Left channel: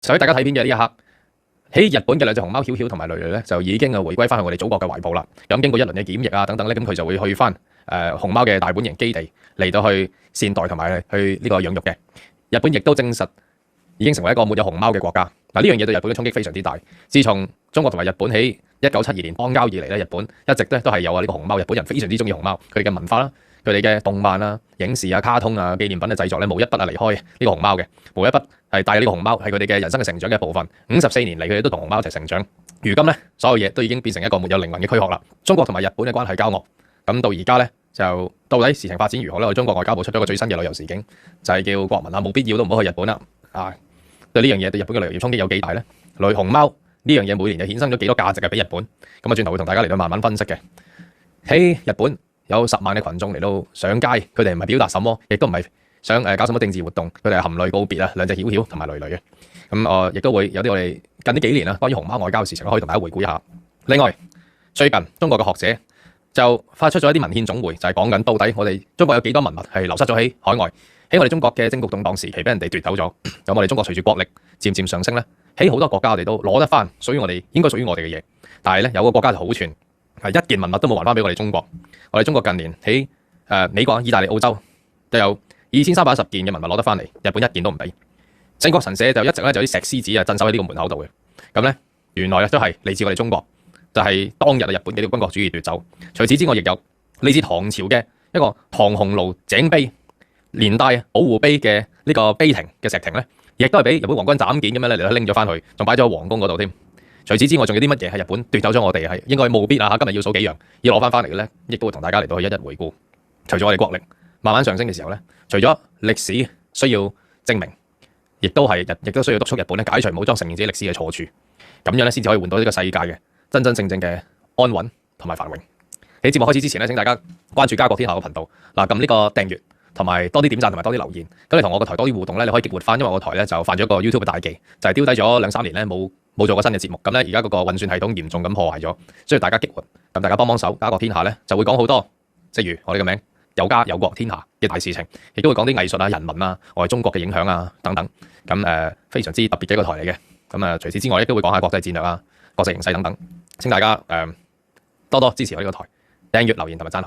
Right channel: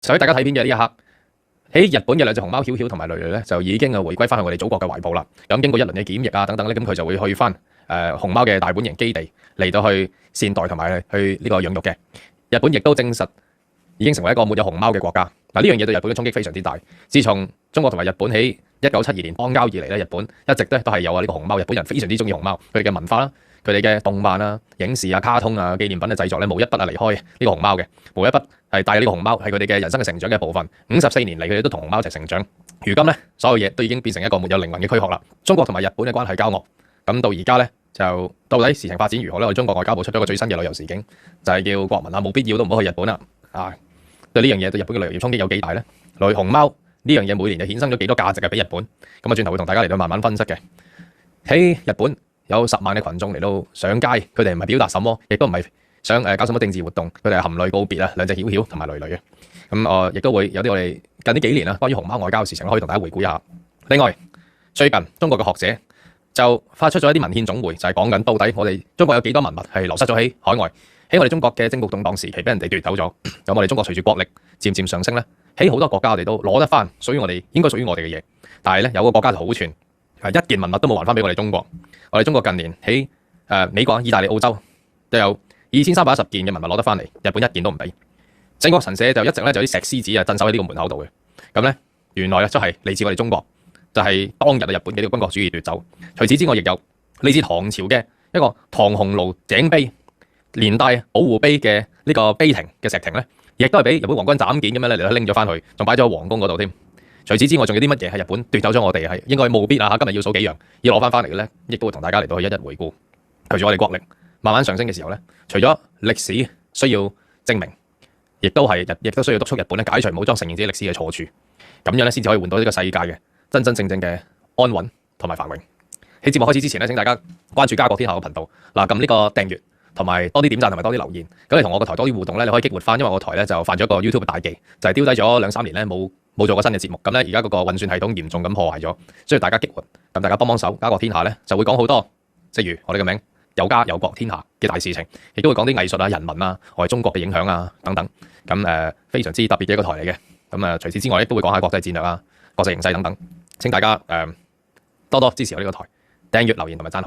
就喺大家睇片嘅呢一刻，喺日本嘅兩隻熊貓曉曉同埋蕾蕾咧，就已經回歸翻去我哋祖國嘅懷抱啦。咁經過一輪嘅檢疫啊等等咧，咁佢就會去翻熊貓嘅大本營基地嚟到去善待同埋去呢個養育嘅。日本亦都證實已經成為一個沒有熊貓嘅國家。嗱，呢樣嘢對日本嘅衝擊非常之大。自從中國同埋日本喺1972年邦交以嚟咧，日本一直都係有呢個熊貓。日本人非常之中意熊貓，佢哋嘅文化啦、佢哋嘅動漫啊、影視啊、卡通啊、紀念品嘅製作咧，無一筆離開呢個熊貓嘅，無一筆係帶呢個熊貓係佢哋嘅人生嘅成長嘅部分。54年嚟，佢哋都同熊貓一齊成長。如今咧，所有嘢都已經變成一個沒有靈魂嘅軀殼啦。中國同埋日本嘅關係交惡，咁到而家咧就到底事情發展如何咧？我哋中國外交部出咗個最新嘅旅遊時警，就係叫國民啊冇必要都唔好去日本啦。對呢樣嘢對日本嘅旅遊衝擊有幾大咧？類熊貓呢樣嘢每年就衍生咗幾多價值嘅俾日本？咁啊，轉頭會同大家嚟到慢慢分析嘅。喺日本有10萬嘅群眾嚟到上街，佢哋唔係表達什麼，亦都唔係想搞什麼政治活動，佢哋係含淚告別啊兩隻曉曉同埋蕾蕾嘅。咁亦都會有啲我哋近呢幾年關於熊貓外交嘅事情可以同大家回顧一下。另外，最近中國嘅學者就發出咗一啲文獻總匯，就係講緊到底我哋中國有幾多文物係流失咗喺海外，喺我哋中國嘅征服動盪時期俾人哋奪走咗。咁我哋中國隨住國力漸漸上升咧，喺好多國家我哋都攞得翻屬於我哋應該屬於我哋嘅嘢。但係咧有個國家就好串，係一件文物都冇還翻俾我哋中國。我哋中國近年喺美國、意大利、澳洲都有2310件嘅文物攞得翻嚟，日本一件都唔俾。靖國神社就一直咧就啲石獅子啊鎮守喺呢個門口度嘅。咁咧原來都係嚟自我哋中國，就係當日日本嘅呢個軍國主義奪走。除此之外，亦有嚟自唐朝嘅一個唐紅爐井碑，連帶保護碑嘅呢個碑亭嘅石亭咧，亦都係俾日本皇軍斬件咁樣咧嚟拎咗翻去，仲擺咗喺皇宮嗰度添。除此之外，仲有啲乜嘢係日本奪走咗我哋係應該務必啊？今日要數幾樣要攞翻嚟嘅咧，亦都會同大家嚟到去一一回顧。隨住我哋國力慢慢上升嘅時候咧，除咗歷史需要證明，亦都需要督促日本咧解除武裝，承認自己歷史嘅錯處，咁樣咧先至可以換到呢個世界嘅真真正正嘅安穩同埋繁榮。喺節目開始之前咧，請大家關注家國天下嘅頻道，撳呢個訂閱，同埋多啲點讚同埋多啲留言。咁你同我個台多啲互動咧，你可以激活翻，因為我個台咧就犯咗一個 YouTube 嘅大忌，就係丟低咗2-3年咧冇做過新嘅節目。咁咧而家嗰個運算系統嚴重咁破壞咗，需要大家激活。咁大家幫手，家國天下咧就會講好多，即如我哋嘅名有家有國天下嘅大事情，亦都會講啲藝術啊、人文啊、我哋中國嘅影響啊等等。咁非常之特別嘅一個台嚟嘅。咁除此之外，亦都會講下國際戰略啊、國際形勢等等。請大家多多支持我呢個台，訂閱、留言同埋讚好。